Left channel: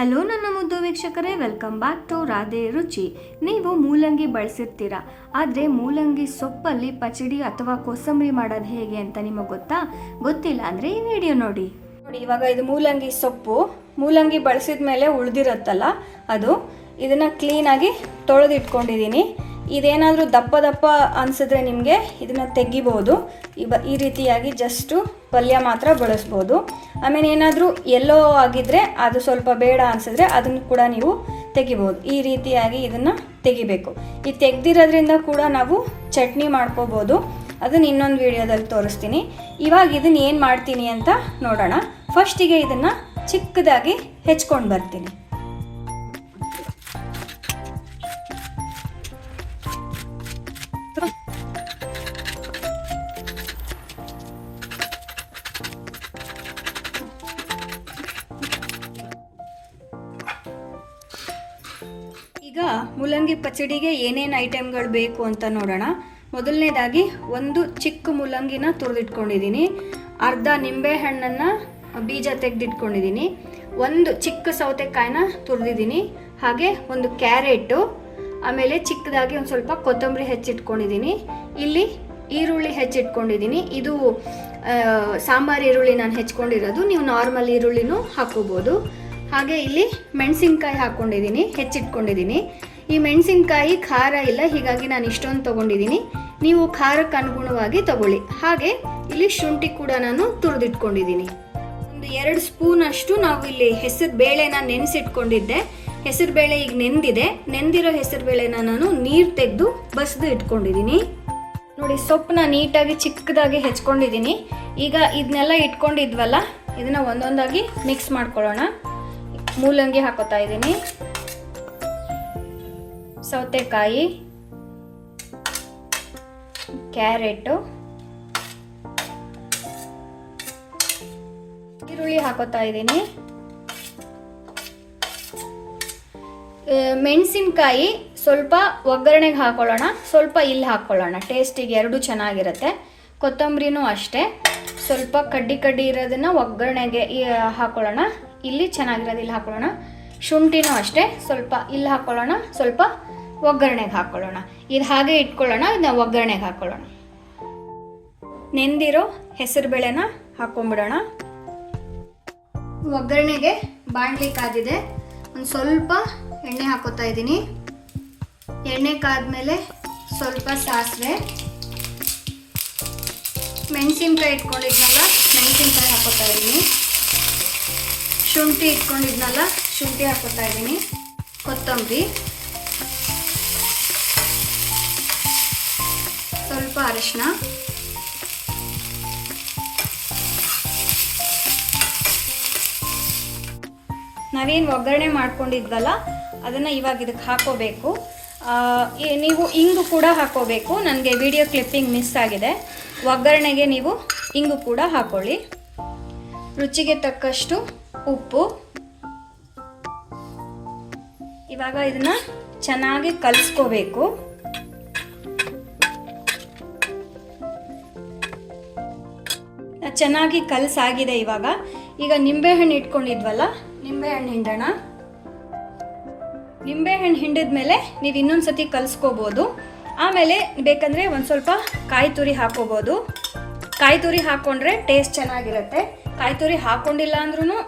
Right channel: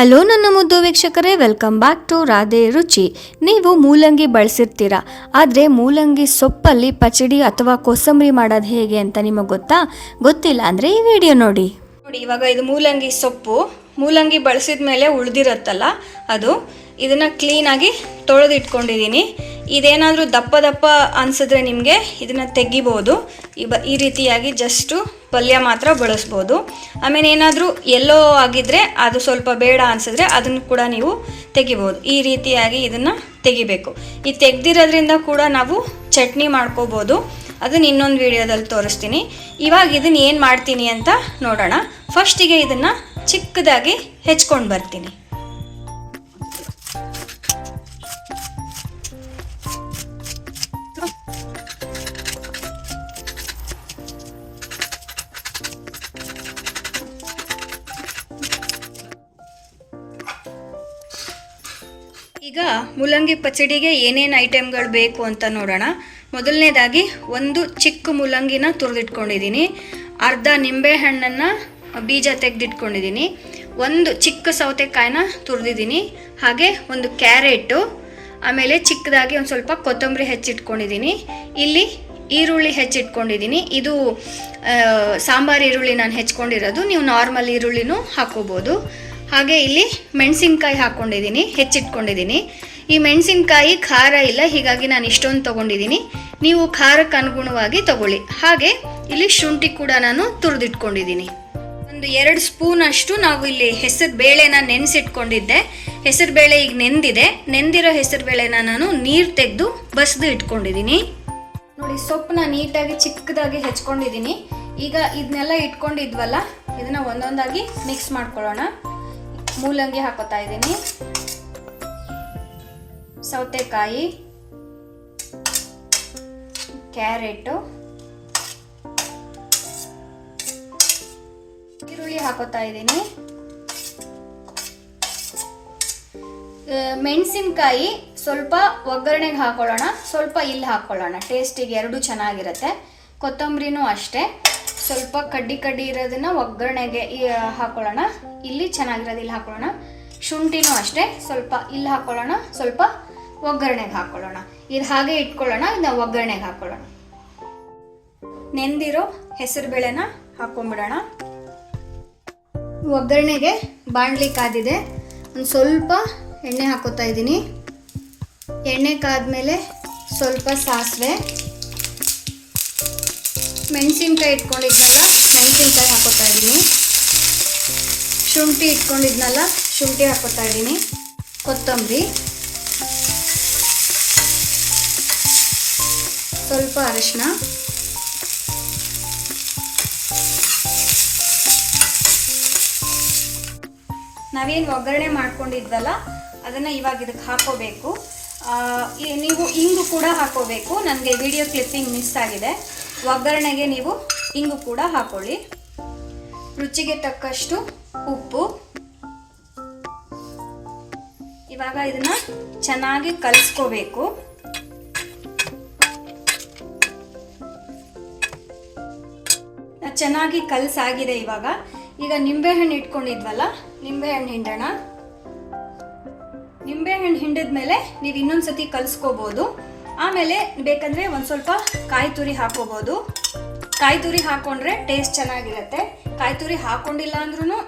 Hello ನನ್ನ ಮುದ್ದು ವೀಕ್ಷಕರೇ ವೆಲ್ಕಮ್ ಬ್ಯಾಕ್ ಟು ರಾಧೆ ರುಚಿ. ನೀವು ಮೂಲಂಗಿ ಬಳಸಿರ್ತೀರಾ? ಆದರೆ ಮೂಲಂಗಿ ಸೊಪ್ಪಲ್ಲಿ ಪಚಡಿ ಅಥವಾ ಕೋಸಂಬರಿ ಮಾಡೋದು ಹೇಗೆ ಅಂತ ನಿಮಗೆ ಗೊತ್ತಾ? ಗೊತ್ತಿಲ್ಲ ಅಂದರೆ ಈ ವಿಡಿಯೋ ನೋಡಿ. ನೋಡಿ, ಇವಾಗ ಇದು ಮೂಲಂಗಿ ಸೊಪ್ಪು. ಮೂಲಂಗಿ ಬಳಸಿದ ಮೇಲೆ ಉಳಿದಿರುತ್ತಲ್ಲ, ಅದು ಇದನ್ನು ಕ್ಲೀನಾಗಿ ತೊಳೆದು ಇಟ್ಕೊಂಡಿದ್ದೀನಿ ಇದೇನಾದರೂ ದಪ್ಪ ದಪ್ಪ ಅನಿಸಿದ್ರೆ ನಿಮಗೆ ಇದನ್ನು ತೆಗಿಬೋದು. ಈ ಬ, ಈ ರೀತಿಯಾಗಿ ಜಸ್ಟು ಪಲ್ಯ ಮಾತ್ರ ಬಳಸ್ಬೋದು. ಆಮೇಲೆ ಏನಾದರೂ ಎಲ್ಲೋ ಆಗಿದ್ದರೆ ಅದು ಸ್ವಲ್ಪ ಬೇಡ ಅನಿಸಿದ್ರೆ ಅದನ್ನು ಕೂಡ ನೀವು ತೆಗಿಬೋದು. ಈ ರೀತಿಯಾಗಿ ಇದನ್ನು ತೆಗಿಬೇಕು. ಈ ತೆಗ್ದಿರೋದ್ರಿಂದ ಕೂಡ ನಾವು ಚಟ್ನಿ ಮಾಡ್ಕೋಬೋದು. ಅದನ್ನ ಇನ್ನೊಂದು ವಿಡಿಯೋದಲ್ಲಿ ತೋರಿಸ್ತೀನಿ. ಇವಾಗ ಇದನ್ನು ಏನು ಮಾಡ್ತೀನಿ ಅಂತ ನೋಡೋಣ. ಫಸ್ಟಿಗೆ ಇದನ್ನು ಚಿಕ್ಕದಾಗಿ ಹೆಚ್ಕೊಂಡು ಬರ್ತೀನಿ. ಈಗ ಮೂಲಂಗಿ ಪಚಡಿಗೆ ಏನೇನು ಐಟಮ್ಗಳು ಬೇಕು ಅಂತ ನೋಡೋಣ. ಮೊದಲನೇದಾಗಿ ಒಂದು ಚಿಕ್ಕ ಮೂಲಂಗಿನ ತುರಿದಿಟ್ಕೊಂಡಿದ್ದೀನಿ. ಅರ್ಧ ನಿಂಬೆ ಹಣ್ಣನ್ನು ಬೀಜ ತೆಗೆದಿಟ್ಕೊಂಡಿದ್ದೀನಿ. ಒಂದು ಚಿಕ್ಕ ಸೌತೆಕಾಯಿನ ತುರಿದಿದ್ದೀನಿ. ಹಾಗೆ ಒಂದು ಕ್ಯಾರೆಟು, ಆಮೇಲೆ ಚಿಕ್ಕದಾಗಿ ಒಂದು ಸ್ವಲ್ಪ ಕೊತ್ತಂಬರಿ ಹೆಚ್ಚಿಟ್ಕೊಂಡಿದ್ದೀನಿ. ಇಲ್ಲಿ ಈರುಳ್ಳಿ ಹೆಚ್ಚಿಟ್ಕೊಂಡಿದ್ದೀನಿ. ಇದು ಸಾಂಬಾರು ಸಾಂಬಾರ್ ಈರುಳ್ಳಿ ನಾನು ಹೆಚ್ಕೊಂಡಿರೋದು. ನೀವು ನಾರ್ಮಲ್ ಈರುಳ್ಳಿನೂ ಹಾಕೋಬೋದು. ಹಾಗೆ ಇಲ್ಲಿ ಮೆಣಸಿನ್ಕಾಯಿ ಹಾಕ್ಕೊಂಡಿದ್ದೀನಿ ಹೆಚ್ಚಿಟ್ಕೊಂಡಿದ್ದೀನಿ. ಈ ಮೆಣಸಿನ್ಕಾಯಿ ಖಾರ ಇಲ್ಲ, ಹೀಗಾಗಿ ನಾನು ಇಷ್ಟೊಂದು ತೊಗೊಂಡಿದ್ದೀನಿ. ನೀವು ಖಾರಕ್ಕೆ ಅನುಗುಣವಾಗಿ ತಗೊಳ್ಳಿ. ಹಾಗೆ ಇಲ್ಲಿ ಶುಂಠಿ ಕೂಡ ನಾನು ತುರಿದಿಟ್ಕೊಂಡಿದ್ದೀನಿ. ಒಂದು ಎರಡು ಸ್ಪೂನ್ ಅಷ್ಟು ನಾವು ಇಲ್ಲಿ ಹೆಸರು ಬೇಳೆನ ನೆನೆಸಿಟ್ಕೊಂಡಿದ್ದೆ. ಹೆಸರು ಬೇಳೆ ಈಗ ನೆಂದಿದೆ. ನೆಂದಿರೋ ಹೆಸರು ಬೇಳೆನ ನಾನು ನೀರು ತೆಗೆದು ಬಸ್ದು ಇಟ್ಕೊಂಡಿದ್ದೀನಿ. ನೋಡಿ, ಸೊಪ್ಪನ್ನ ನೀಟಾಗಿ ಚಿಕ್ಕದಾಗಿ ಹೆಚ್ಕೊಂಡಿದ್ದೀನಿ. ಈಗ ಇದನ್ನೆಲ್ಲ ಇಟ್ಕೊಂಡಿದ್ವಲ್ಲ, ಇದನ್ನು ಒಂದೊಂದಾಗಿ ಮಿಕ್ಸ್ ಮಾಡ್ಕೊಳ್ಳೋಣ. ಮೂಲಂಗಿ ಹಾಕೋತಾ ಇದ್ದೀನಿ. ಸೌತೆಕಾಯಿ, ಕ್ಯಾರೆಟು, ಈರುಳ್ಳಿ ಹಾಕೋತಾ ಇದ್ದೀನಿ. ಮೆಣಸಿನ್ಕಾಯಿ ಸ್ವಲ್ಪ ಒಗ್ಗರಣೆಗೆ ಹಾಕೊಳ್ಳೋಣ, ಸ್ವಲ್ಪ ಇಲ್ಲಿ ಹಾಕೊಳ್ಳೋಣ. ಟೇಸ್ಟಿಗೆ ಎರಡು ಚೆನ್ನಾಗಿರುತ್ತೆ. ಕೊತ್ತಂಬರಿನೂ ಅಷ್ಟೇ. ಸ್ವಲ್ಪ ಕಡ್ಡಿ ಕಡ್ಡಿ ಇರೋದನ್ನ ಒಗ್ಗರಣೆಗೆ ಹಾಕೊಳ್ಳೋಣ. ಇಲ್ಲಿ ಚೆನ್ನಾಗಿರೋದು ಇಲ್ಲಿ ಹಾಕೊಳ್ಳೋಣ. ಶುಂಠಿನೂ ಅಷ್ಟೇ, ಸ್ವಲ್ಪ ಇಲ್ಲಿ ಹಾಕೊಳ್ಳೋಣ, ಸ್ವಲ್ಪ ಒಗ್ಗರಣೆಗೆ ಹಾಕೊಳ್ಳೋಣ. ಇದು ಹಾಗೆ ಇಟ್ಕೊಳ್ಳೋಣ ಇದನ್ನ ಒಗ್ಗರಣೆಗೆ ಹಾಕೊಳ್ಳೋಣ. ನೆಂದಿರೋ ಹೆಸರು ಬೇಳೆನ ಹಾಕೊಂಡ್ಬಿಡೋಣ. ಒಗ್ಗರಣೆಗೆ ಬಾಣ್ಲಿ ಕಾದಿದೆ. ಒಂದು ಸ್ವಲ್ಪ ಎಣ್ಣೆ ಹಾಕೋತಾ ಇದ್ದೀನಿ. ಎಣ್ಣೆ ಕಾದ್ಮೇಲೆ ಸ್ವಲ್ಪ ಸಾಸಿವೆ. ಮೆಣಸಿನ್ಕಾಯಿ ಇಟ್ಕೊಂಡಿದ್ನಲ್ಲ, ಮೆಣಸಿನ್ಕಾಯಿ ಹಾಕೋತಾ ಇದ್ದೀನಿ. ಶುಂಠಿ ಇಟ್ಕೊಂಡಿದ್ನಲ್ಲ, ಶುಂಠಿ ಹಾಕೋತಾ ಇದ್ದೀನಿ. ಕೊತ್ತಂಬರಿ. ಸ್ವಲ್ಪ ಅರಿಶಿನ ನಾವೇನು ಒಗ್ಗರಣೆ ಮಾಡ್ಕೊಂಡಿದ್ವಲ್ಲ, ಅದನ್ನು ಇವಾಗ ಇದಕ್ಕೆ ಹಾಕೋಬೇಕು. ನೀವು ಇಂಗು ಕೂಡ ಹಾಕೋಬೇಕು. ನನಗೆ ವಿಡಿಯೋ ಕ್ಲಿಪ್ಪಿಂಗ್ ಮಿಸ್ ಆಗಿದೆ. ಒಗ್ಗರಣೆಗೆ ನೀವು ಇಂಗು ಕೂಡ ಹಾಕೊಳ್ಳಿ. ರುಚಿಗೆ ತಕ್ಕಷ್ಟು ಉಪ್ಪು. ಇವಾಗ ಇದನ್ನ ಚೆನ್ನಾಗಿ ಕಲಿಸ್ಕೋಬೇಕು. ಚೆನ್ನಾಗಿ ಕಲಸಾಗಿದೆ ಇವಾಗ. ಈಗ ನಿಂಬೆಹಣ್ಣು ಇಟ್ಕೊಂಡಿದ್ವಲ್ಲ, ನಿಂಬೆಹಣ್ಣು ಹಿಂಡೋಣ. ನಿಂಬೆಹಣ್ಣು ಹಿಂಡಿದ್ಮೇಲೆ ನೀವು ಇನ್ನೊಂದ್ಸತಿ ಕಲಿಸ್ಕೋಬೋದು. ಆಮೇಲೆ ಬೇಕಂದರೆ ಒಂದು ಸ್ವಲ್ಪ ಕಾಯಿ ತುರಿ ಹಾಕೋಬೋದು ಕಾಯಿ ತುರಿ ಹಾಕೊಂಡ್ರೆ ಟೇಸ್ಟ್ ಚೆನ್ನಾಗಿರುತ್ತೆ. ಕಾಯಿ ತುರಿ ಹಾಕೊಂಡಿಲ್ಲ ಅಂದ್ರೂ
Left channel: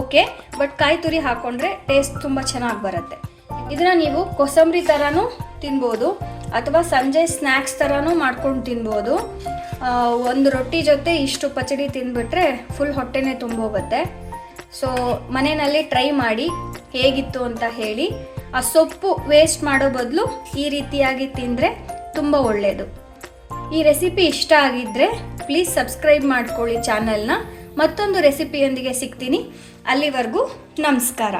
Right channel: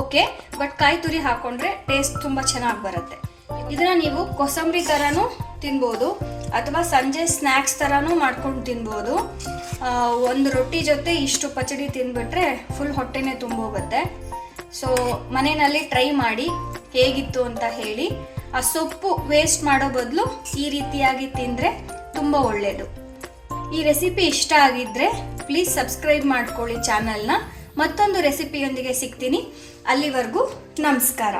ಓಕೆ ಬಟ್ ಕಾಯಿ ತುರಿ ಹಾಕೊಂಡ್ರೆ ಟೇಸ್ಟ್ ತುಂಬ ಚೆನ್ನಾಗಿ ಬರುತ್ತೆ. ಇದನ್ನ ನೀವು ಕೊಸಂಬರಿ ಥರನೂ ತಿನ್ಬೋದು, ಅಥವಾ ಸಂಜೆ ಸ್ನ್ಯಾಕ್ಸ್ ಥರನೂ ಮಾಡ್ಕೊಂಡು ತಿನ್ಬೋದು. ಒಂದು ರೊಟ್ಟಿ ಜೊತೆ ಇಷ್ಟು ಪಚಡಿ ತಿಂದ್ಬಿಟ್ರೆ ಫುಲ್ ಹೊಟ್ಟೆನೇ ತುಂಬೋಗುತ್ತೆ. ಸೊ ಮನೆಯಲ್ಲಿ ಟ್ರೈ ಮಾಡಿ ಹೇಗಿತ್ತು ಅಂತ ಹೇಳಿ. ಆ ಸೊಪ್ಪು ವೇಸ್ಟ್ ಮಾಡೋ ಬದಲು ಈ ರೀತಿಯಾಗಿ ತಿಂದರೆ ತುಂಬ ಒಳ್ಳೆಯದು ಈ ರೆಸಿಪಿ ಇಷ್ಟ ಆಗಿದ್ದರೆ ಪ್ಲೀಸ್ ಸಬ್ಸ್ಕ್ರೈಬ್ ಮಾಡ್ಕೊಳ್ಳಿ ಚಾನಲ್ನ ಮತ್ತೊಂದು ರೆಸಿಪಿಯೊಂದಿಗೆ ಸಿಗ್ತೀನಿ. ಅಲ್ಲಿವರೆಗೂ ನಮಸ್ಕಾರ.